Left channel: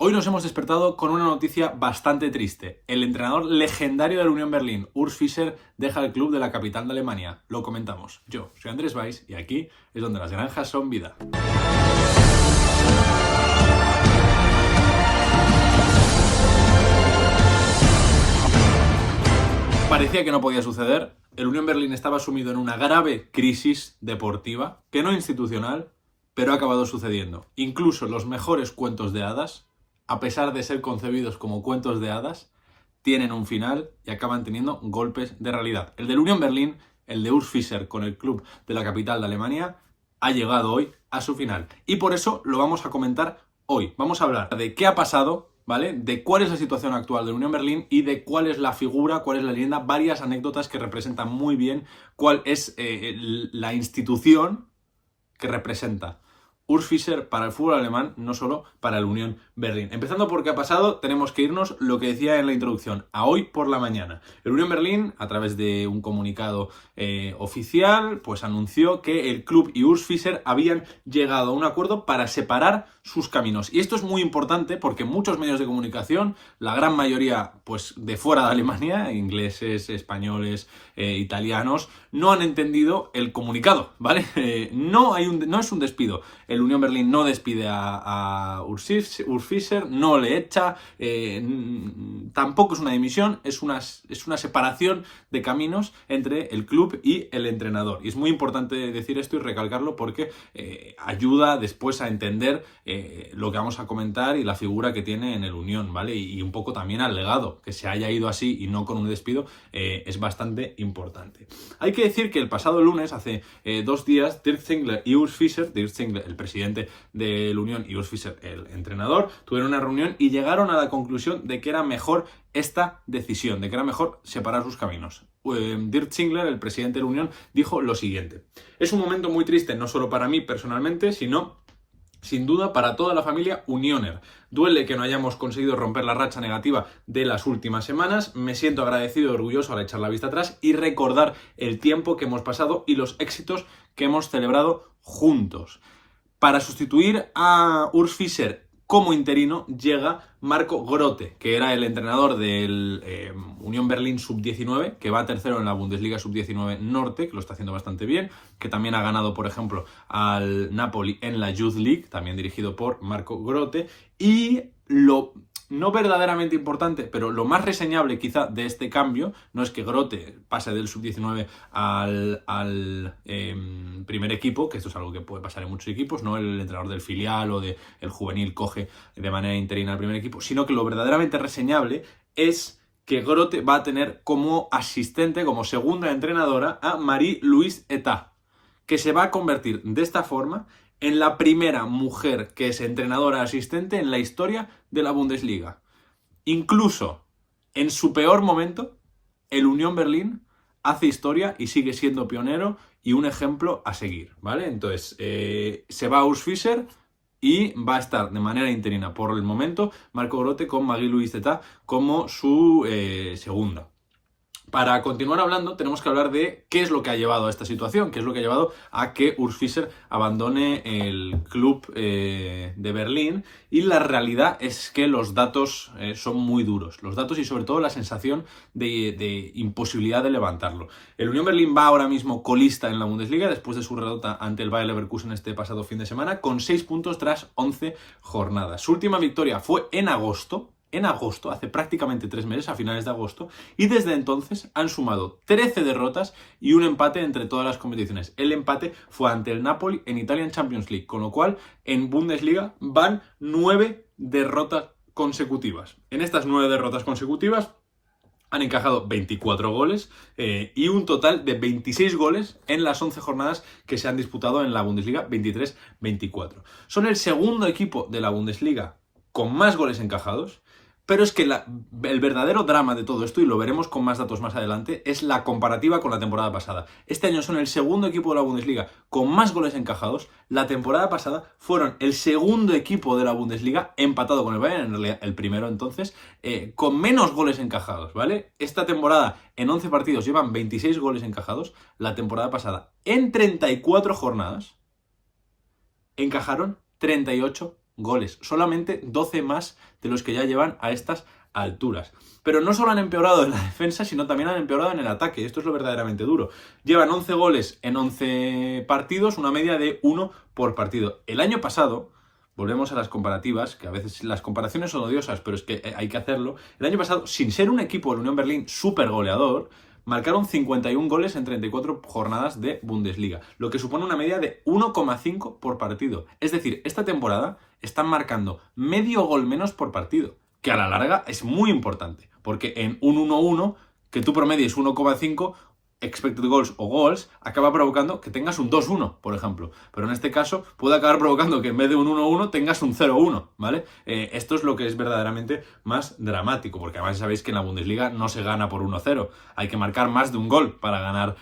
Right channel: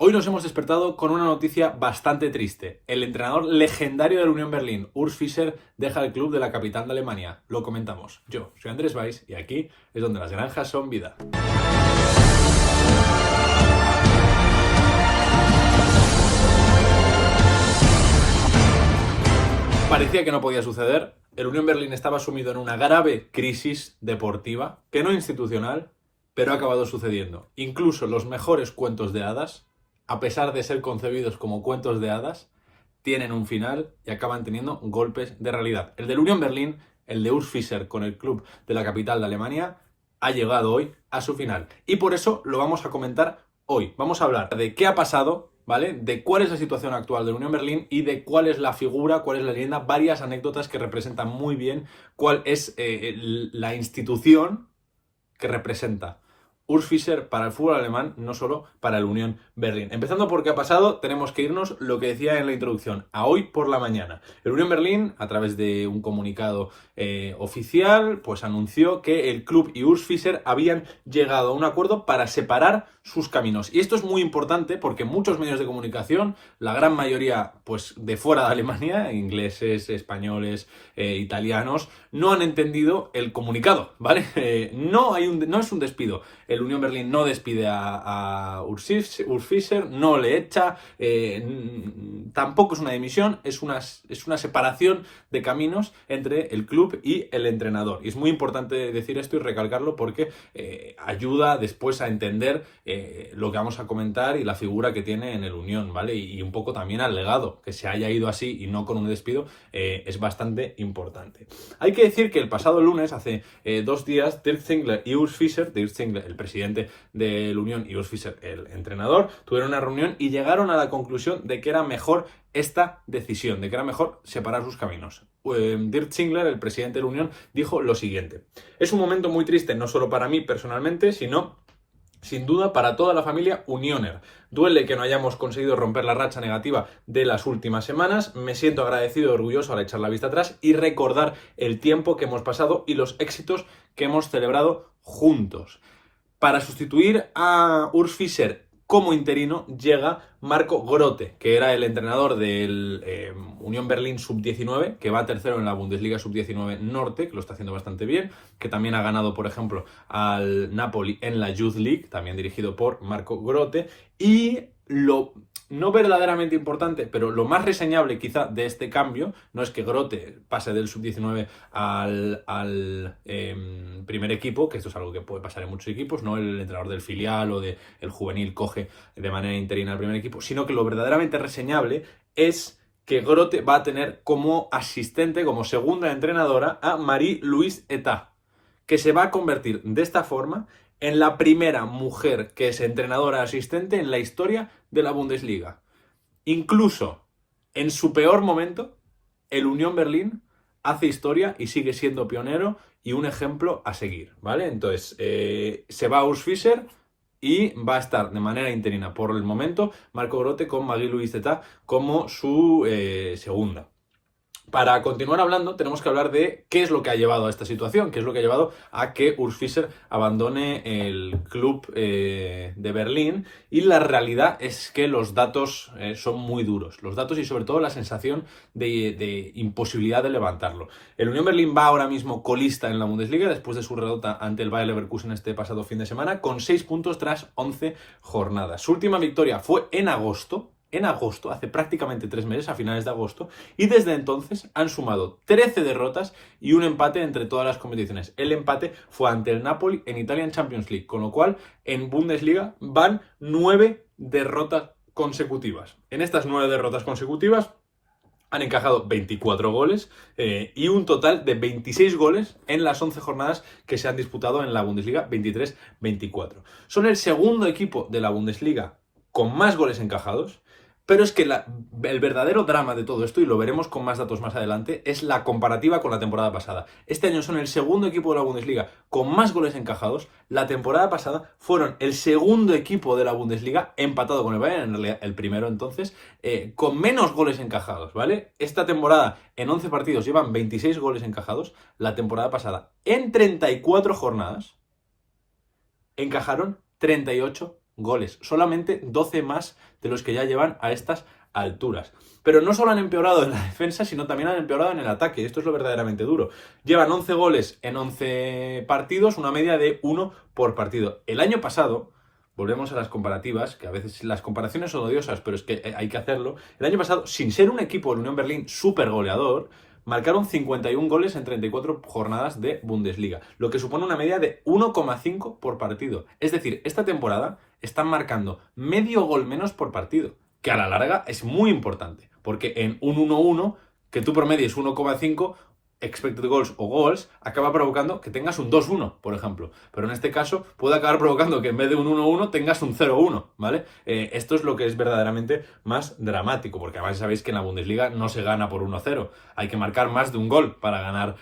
Hoy nos hemos despertado con una noticia bastante triste. El entrenador legendario del Unión Berlín, Urs Fischer, deja el club de la capital de Alemania. Lo comentamos. Yo soy Andrés Valls y aquí es donde las granjas son vida. Parecía que no podía suceder. El Unión Berlín estaba sumido en una grave crisis deportiva, que no institucional, pero ha acabado sucediendo. Incluso los mejores cuentos de hadas, a pesar de ser concebidos como cuentos de hadas, tienen un final y acaban teniendo golpes de realidad. El del Unión Berlín, el de Urs Fischer con el club de la capital de Alemania, ha llegado hoy a su final. Y por eso lo vamos a comentar hoy. Vamos a hablar de qué ha pasado, ¿vale? De cuál es la situación actual del Unión Berlín y de cuál es la figura, cuál es la leyenda, varias anécdotas que representan muy bien cuál es la institución que representa Urs Fischer para el fútbol alemán, no solo para el Unión Berlín. Empezando por qué ha pasado, tenemos que irnos, lo que decía en la introducción, a hoy por la mañana. El Unión Berlín, a través de un comunicado oficial, pues anunció que el club y Urs Fischer habían llegado a un acuerdo para separar sus caminos. Y esto es muy importante porque muchos medios de comunicación, la gran mayoría pues de fuera de Alemania, ingleses, españoles, italianos, no han entendido el comunicado, ¿vale? No es un despido. El Unión Berlín no despide a Urs Fischer, no le echa, tampoco es una dimisión, es una separación de caminos entre el club y el entrenador. Y es muy importante decir esto y recalcarlo porque ayuda después a entender lo que vamos a comentar y la figura que tiene en el Unión, ¿vale? Y un poco también al legado, que se haya ido así y no con un despido, es bastante importante. Hay que decir que el pasado lunes, hace 2 días, Dirk Zingler y Urs Fischer, Dirk Zingler, el presidente del Unión, y Urs Fischer, el entrenador, tuvieron una reunión y llegaron a la conclusión de que era mejor esta decisión, de que era mejor separar sus caminos. Dirk Zingler, el presidente de la Unión, dijo lo siguiente: es un momento muy triste, no solo para mí personalmente, sino sin duda para toda la familia Unioner. Duele que no hayamos conseguido romper la racha negativa de las últimas semanas. Me siento agradecido y orgulloso al echar la vista atrás y recordar el tiempo que hemos pasado y los éxitos que hemos celebrado juntos. Para sustituir a Urs Fischer como interino llega Marco Grote, que era el entrenador del Unión Berlín Sub-19, que va tercero en la Bundesliga Sub-19 Norte, que lo está haciendo bastante bien, que también ha ganado, por ejemplo, al Napoli en la Youth League, también dirigido por Marco Grote, y lo no verdaderamente importante, pero lo más reseñable quizá de este cambio, no es que Grote pase del Sub-19 al primer equipo, que esto es algo que puede pasar en muchos equipos, no el entrenador del filial o del juvenil coge de manera interina al primer equipo, sino que lo verdaderamente reseñable es que Grote va a tener como asistente, como segunda entrenadora, a Marie-Louise Eta, que se va a convertir de esta forma en la primera mujer que es entrenadora asistente en la historia de la Bundesliga. Incluso en su peor momento, el Unión Berlín hace historia y sigue siendo pionero y un ejemplo a seguir, ¿vale? Entonces, se va Urs Fischer y va a estar de manera interina por el momento Marco Grote con Marie-Louise Eta como su segunda. Para continuar hablando, tenemos que hablar de qué es lo que ha llevado a esta situación, qué es lo que ha llevado a que Urs Fischer abandone el club de Berlín, y la realidad es que los datos son muy duros, los datos y sobre todo la sensación de imposibilidad de levantarlo. El Unión Berlín va ahora mismo colista en la Bundesliga después de su derrota ante el Bayer Leverkusen este pasado fin de semana, con 6 puntos tras 11 jornadas. Su última victoria fue en agosto, hace prácticamente 3 meses, a finales de agosto, y desde entonces han sumado 13 derrotas y un empate entre todas las competiciones. El empate fue ante el Napoli en Italian Champions League, con lo cual en Bundesliga van 9 derrotas consecutivas. En estas 9 derrotas consecutivas han encajado 24 goles y un total de 26 goles en las 11 jornadas que se han disputado en la Bundesliga 23-24. Son el segundo equipo de la Bundesliga con más goles encajados, pero es que el verdadero drama de todo esto, y lo veremos con más datos más adelante, es la comparativa con la temporada pasada. Este año son el segundo equipo de la Bundesliga con más goles encajados. La temporada pasada fueron el segundo equipo de la Bundesliga, empatado con el Bayern, en realidad el primero entonces, con menos goles encajados, ¿vale? Esta temporada en 11 partidos llevan 26 goles encajados. La temporada pasada en 34 jornadas encajaron 38 goles, solamente 12 más de los que ya llevan a estas alturas. Pero no solo han empeorado en la defensa, sino también han empeorado en el ataque. Esto es lo verdaderamente duro. Llevan 11 goles en 11 partidos, una media de 1 por partido. El año pasado, volvemos a las comparativas, que a veces las comparaciones son odiosas, pero es que hay que hacerlo. El año pasado, sin ser un equipo del Unión Berlín súper goleador, marcaron 51 goles en 34 jornadas de Bundesliga, lo que supone una media de 1,5 por partido. Es decir, esta temporada están marcando medio gol menos por partido, que a la larga es muy importante, porque en un 1-1, que tú promedies 1,5 expected goals o goals, acaba provocando que tengas un 2-1, por ejemplo. Pero en este caso puede acabar provocando que en vez de un 1-1 tengas un 0-1, ¿vale? Esto es lo que es verdaderamente más dramático, porque además sabéis que en la Bundesliga no se gana por 1-0. Hay que marcar más de un gol para ganar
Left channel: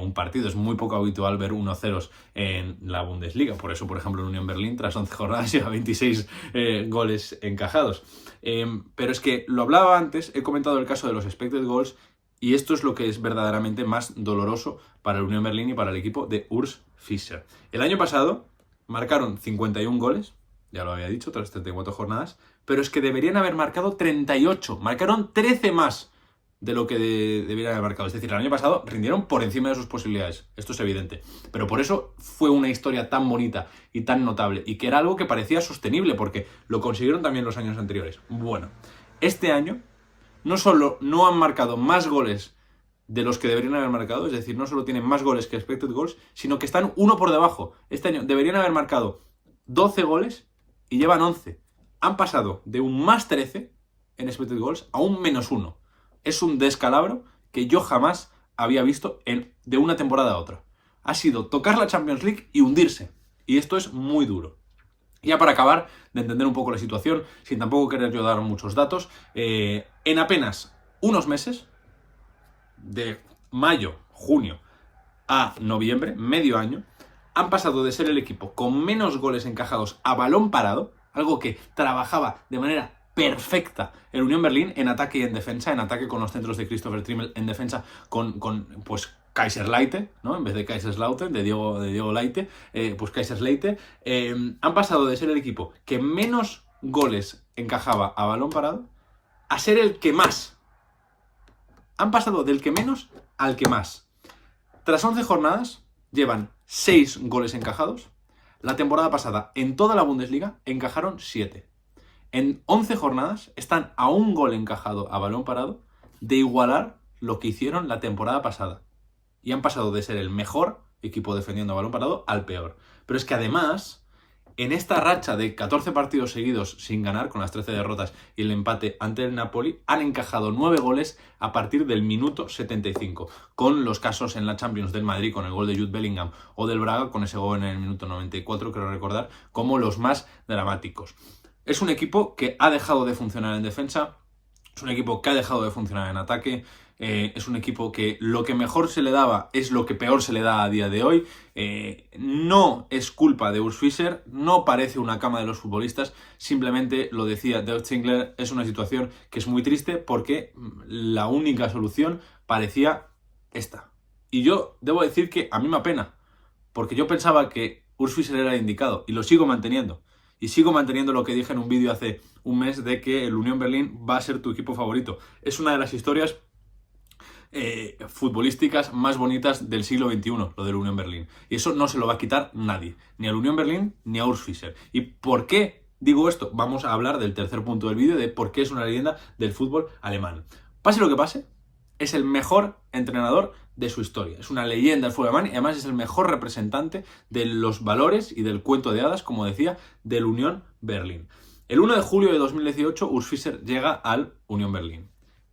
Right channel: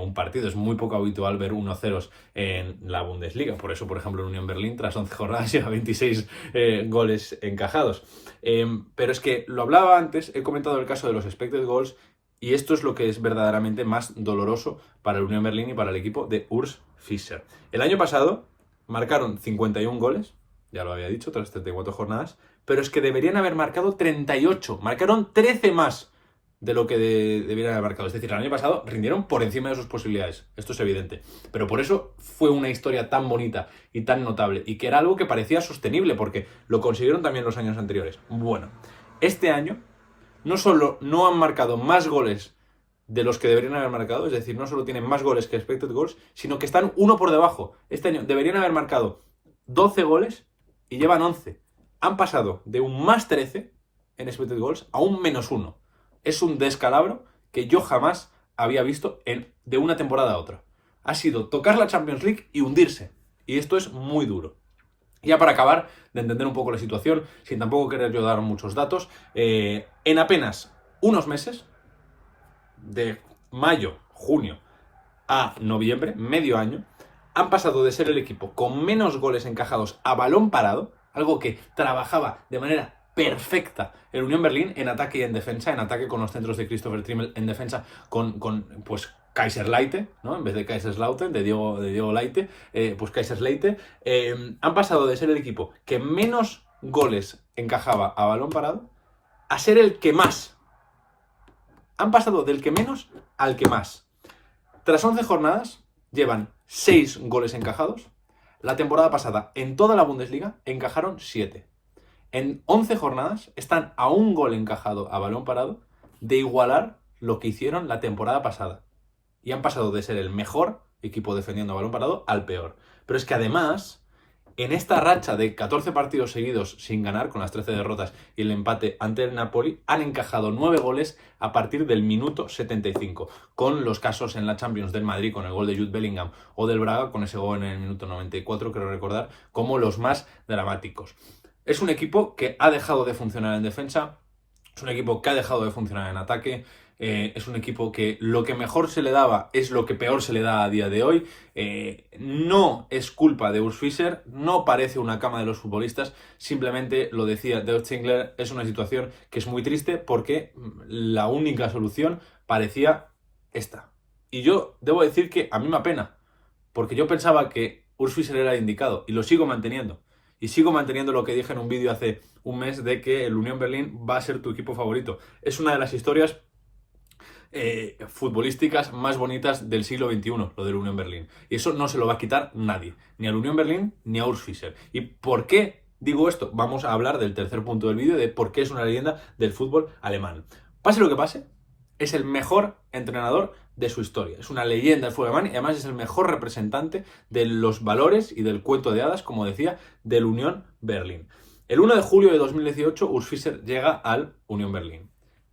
un partido. Es muy poco habitual ver 1-0 en la Bundesliga. Por eso, por ejemplo, en Unión Berlín, tras 11 jornadas, llega 26 goles encajados. Pero es que lo hablaba antes, he comentado el caso de los expected goals, y esto es lo que es verdaderamente más doloroso para el Unión Berlín y para el equipo de Urs Fischer. El año pasado marcaron 51 goles, ya lo había dicho, tras 34 jornadas, pero es que deberían haber marcado 38, marcaron 13 más de lo que deberían haber marcado. Es decir, el año pasado rindieron por encima de sus posibilidades, esto es evidente. Pero por eso fue una historia tan bonita y tan notable, y que era algo que parecía sostenible, porque lo consiguieron también los años anteriores. Bueno, este año no solo no han marcado más goles de los que deberían haber marcado, es decir, no solo tienen más goles que expected goals, sino que están uno por debajo. Este año deberían haber marcado 12 goles y llevan 11. Han pasado de un más 13 en expected goals a un menos 1. Es un descalabro que yo jamás había visto de una temporada a otra. Ha sido tocar la Champions League y hundirse. Y esto es muy duro. Ya para acabar de entender un poco la situación, sin tampoco querer yo dar muchos datos, en apenas unos meses, de mayo, junio a noviembre, medio año, han pasado de ser el equipo con menos goles encajados a balón parado, algo que trabajaba de manera perfecta el Unión Berlín en ataque y en defensa, en ataque con los centros de Christopher Trimmel, en defensa con pues Kaiserslautern, ¿no? En vez de Kaiserslautern, de Diego Leite, pues Kaiserslautern. Han pasado de ser el equipo que menos goles encajaba a balón parado a ser el que más. Han pasado del que menos al que más. Tras 11 jornadas, llevan 6 goles encajados. La temporada pasada, en toda la Bundesliga, encajaron 7. En 11 jornadas están a un gol encajado a balón parado de igualar lo que hicieron la temporada pasada. Y han pasado de ser el mejor equipo defendiendo a balón parado al peor. Pero es que además, en esta racha de 14 partidos seguidos sin ganar, con las 13 derrotas y el empate ante el Napoli, han encajado 9 goles a partir del minuto 75, con los casos en la Champions del Madrid con el gol de Jude Bellingham o del Braga con ese gol en el minuto 94, creo recordar, como los más dramáticos. Es un equipo que ha dejado de funcionar en defensa, es un equipo que ha dejado de funcionar en ataque, es un equipo que lo que mejor se le daba es lo que peor se le da a día de hoy. No es culpa de Urs Fischer, no parece una cama de los futbolistas, simplemente lo decía Dirk Zingler, es una situación que es muy triste porque la única solución parecía esta. Y yo debo decir que a mí me apena, porque yo pensaba que Urs Fischer era el indicado y lo sigo manteniendo. Y sigo manteniendo lo que dije en un vídeo hace un mes de que el Unión Berlín va a ser tu equipo favorito. Es una de las historias futbolísticas más bonitas del siglo XXI, lo del Unión Berlín. Y eso no se lo va a quitar nadie, ni al Unión Berlín ni a Urs Fischer. ¿Y por qué digo esto? Vamos a hablar del tercer punto del vídeo, de por qué es una leyenda del fútbol alemán. Pase lo que pase, es el mejor entrenador de su historia. Es una leyenda del fútbol alemán y además es el mejor representante de los valores y del cuento de hadas, como decía, del Unión Berlín. El 1 de julio de 2018, Urs Fischer llega al Unión Berlín.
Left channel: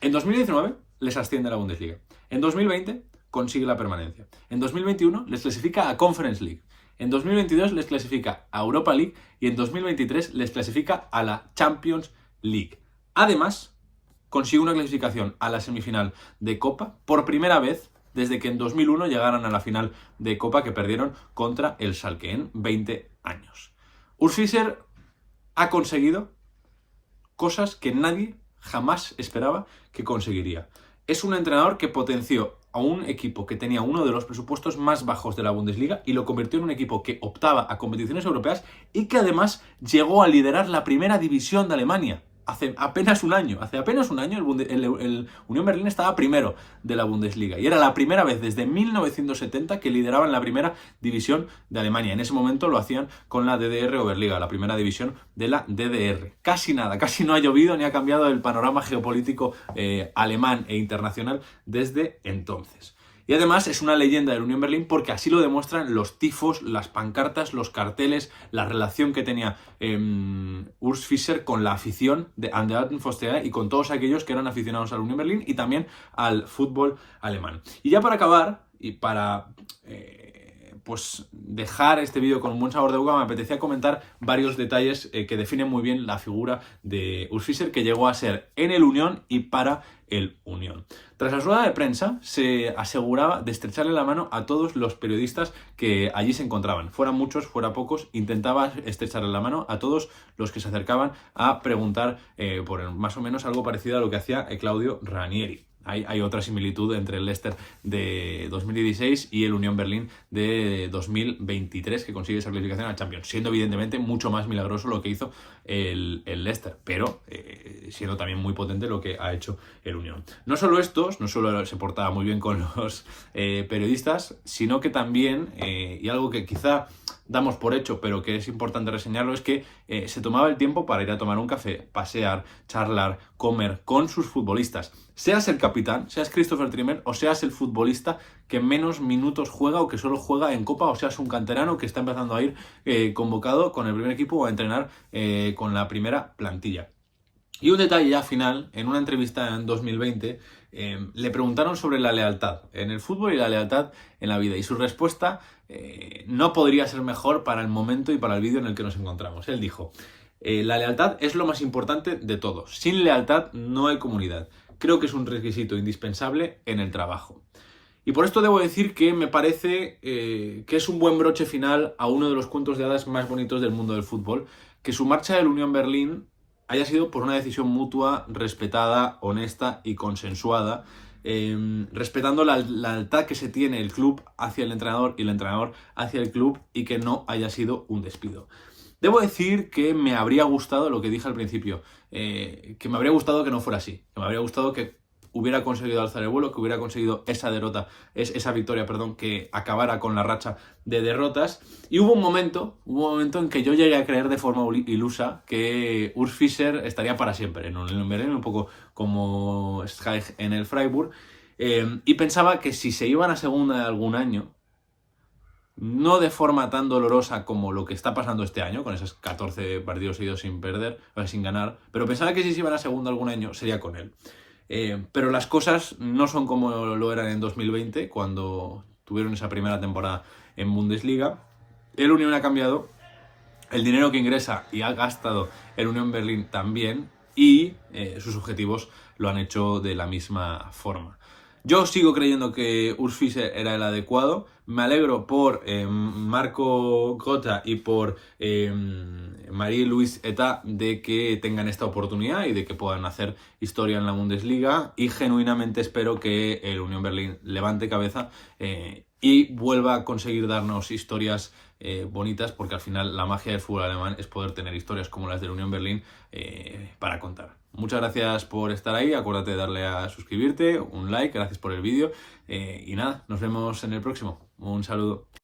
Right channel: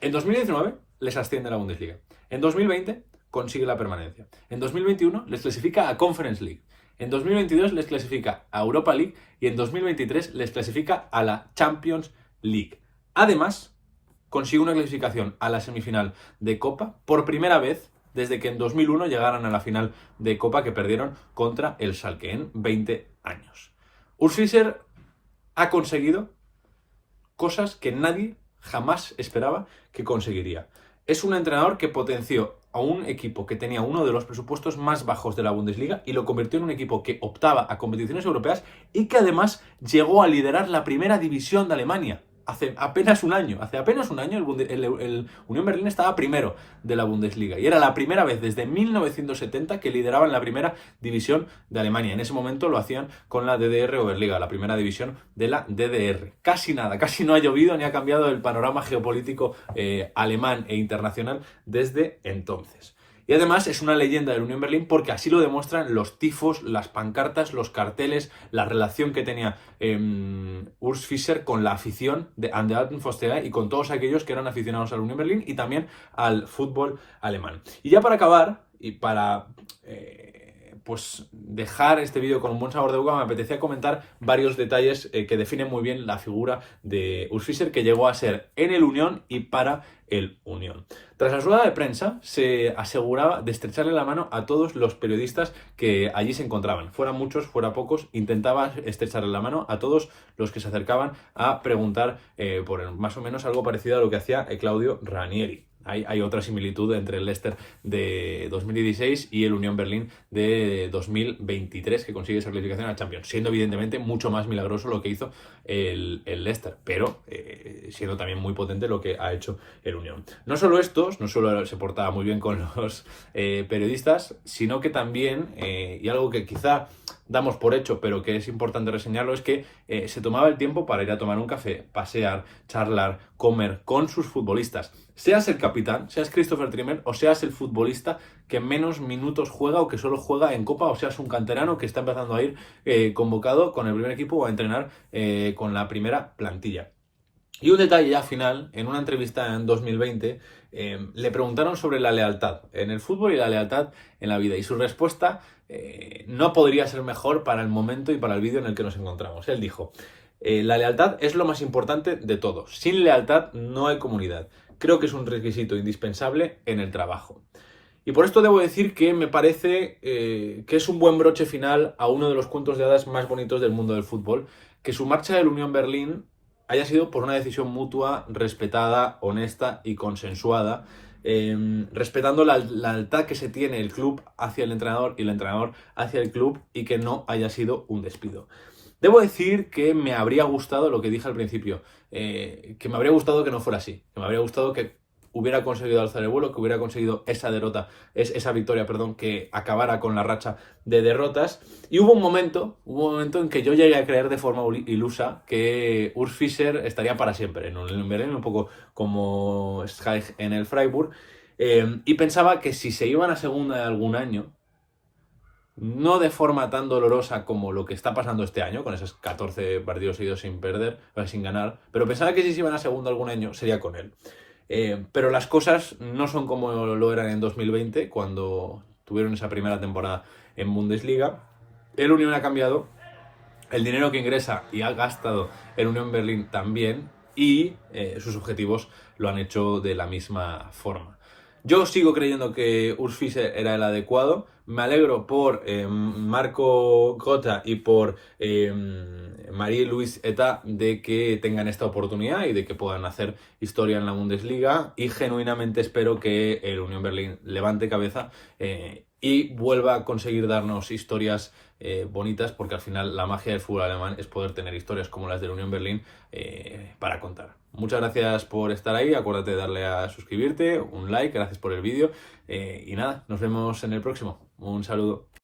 En 2019 les asciende a la Bundesliga. En 2020 consigue la permanencia. En 2021 les clasifica a Conference League. En 2022 les clasifica a Europa League y en 2023 les clasifica a la Champions League. Además, consigue una clasificación a la semifinal de Copa por primera vez desde que en 2001 llegaran a la final de Copa que perdieron contra el Schalke en 20 años. Urs Fischer ha conseguido cosas que nadie jamás esperaba que conseguiría. Es un entrenador que potenció a un equipo que tenía uno de los presupuestos más bajos de la Bundesliga y lo convirtió en un equipo que optaba a competiciones europeas y que además llegó a liderar la primera división de Alemania. Hace apenas un año el Unión Berlín estaba primero de la Bundesliga y era la primera vez desde 1970 que lideraban la primera división de Alemania. En ese momento lo hacían con la DDR Oberliga, la primera división de la DDR. Casi nada, casi no ha llovido ni ha cambiado el panorama geopolítico alemán e internacional desde entonces. Y además es una leyenda del Unión Berlín porque así lo demuestran los tifos, las pancartas, los carteles, la relación que tenía Urs Fischer con la afición de An der Alten Försterei y con todos aquellos que eran aficionados al Unión Berlín y también al fútbol alemán. Y ya para acabar, y para pues dejar este vídeo con un buen sabor de boca, me apetecía comentar varios detalles que definen muy bien la figura de Urs Fischer, que llegó a ser en el Unión y para el Unión. Tras la rueda de prensa se aseguraba de estrecharle la mano a todos los periodistas que allí se encontraban. Fueran muchos, fuera pocos, intentaba estrecharle la mano a todos los que se acercaban a preguntar por más o menos algo parecido a lo que hacía Claudio Ranieri. Hay otra similitud entre el Leicester de 2016 y el Unión Berlín de 2023, que consigue esa clasificación al Champions, siendo evidentemente mucho más milagroso lo que hizo el Leicester, pero siendo también muy potente lo que ha hecho el Unión. No solo se portaba muy bien con los periodistas, sino que también, y algo que quizá damos por hecho, pero que es importante reseñarlo, es que se tomaba el tiempo para ir a tomar un café, pasear, charlar, comer con sus futbolistas. Seas el capitán, seas Christopher Trimmel o seas el futbolista que menos minutos juega o que solo juega en Copa, o seas un canterano que está empezando a ir convocado con el primer equipo o a entrenar con la primera plantilla. Y un detalle ya final, en una entrevista en 2020 le preguntaron sobre la lealtad en el fútbol y la lealtad en la vida, y su respuesta no podría ser mejor para el momento y para el vídeo en el que nos encontramos. Él dijo: la lealtad es lo más importante de todo. Sin lealtad no hay comunidad. Creo que es un requisito indispensable en el trabajo. Y por esto debo decir que me parece que es un buen broche final a uno de los cuentos de hadas más bonitos del mundo del fútbol, que su marcha del Unión Berlín haya sido por una decisión mutua, respetada, honesta y consensuada, respetando la lealtad que se tiene el club hacia el entrenador y el entrenador hacia el club, y que no haya sido un despido. Debo decir que me habría gustado, lo que dije al principio, que me habría gustado que no fuera así, que me habría gustado que hubiera conseguido alzar el vuelo, que hubiera conseguido esa victoria, que acabara con la racha de derrotas. Y hubo un momento en que yo llegué a creer de forma ilusa que Urs Fischer estaría para siempre en un Berlín, un poco como Schaich en el Freiburg, y pensaba que si se iban a segunda de algún año, no de forma tan dolorosa como lo que está pasando este año, con esos 14 partidos seguidos sin ganar, pero pensaba que si se iban a segunda algún año sería con él. Pero las cosas no son como lo eran en 2020, cuando tuvieron esa primera temporada en Bundesliga. El Unión ha cambiado, el dinero que ingresa y ha gastado el Unión Berlín también, y sus objetivos lo han hecho de la misma forma. Yo sigo creyendo que Urs Fischer era el adecuado. Me alegro por Marco Gota y por Marie-Louise Eta de que tengan esta oportunidad y de que puedan hacer historia en la Bundesliga, y genuinamente espero que el Unión Berlín levante cabeza y vuelva a conseguir darnos historias bonitas, porque al final la magia del fútbol alemán es poder tener historias como las del Unión Berlín para contar. Muchas gracias por estar ahí, acuérdate de darle a suscribirte, un like, gracias por el vídeo, y nada, nos vemos en el próximo. Un saludo.